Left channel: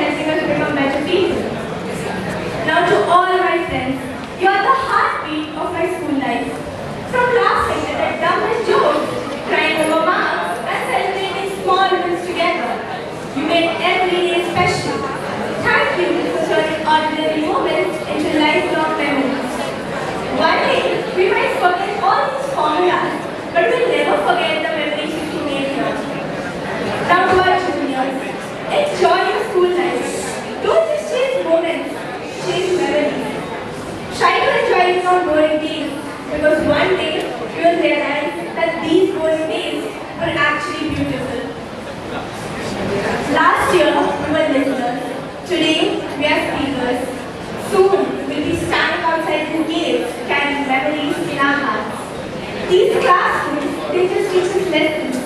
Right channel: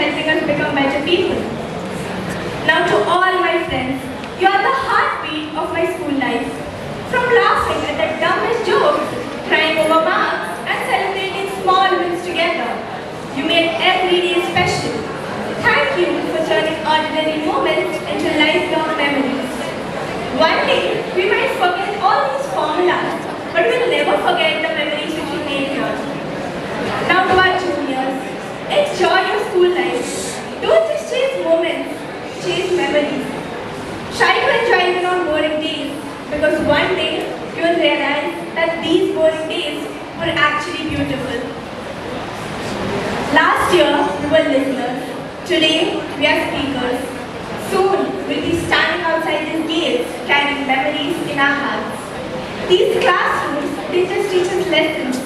helping us become better people. Now to all my friends, you are the heartbeat of my school life. From laughing at the dumbest jokes, crying over marks, and celebrating small wins together, you made every day special. Thank you for turning ordinary moments into lifelong memories. One day, we might forget all these formulas, but we'll never forget the memories which we made here. Now to our juniors, enjoy your school life. Don't just chase moments, chase memories. Try to enjoy your boring days, because one day you will realize that these boring days were actually beautiful. Last year, we were listeners. Today, we are speakers. Soon, we'll be standing outside these gates, carrying memories in our hearts. These classrooms didn't just teach us lessons.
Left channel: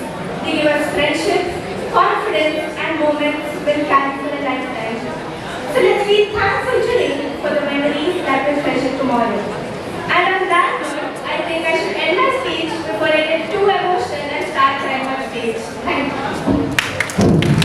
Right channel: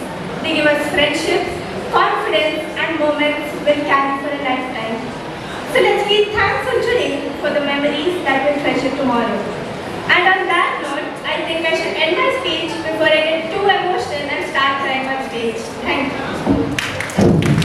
They give us friendships, confidence, and moments we'll carry for a lifetime. So let's be thankful today for the memories that will treasure tomorrow.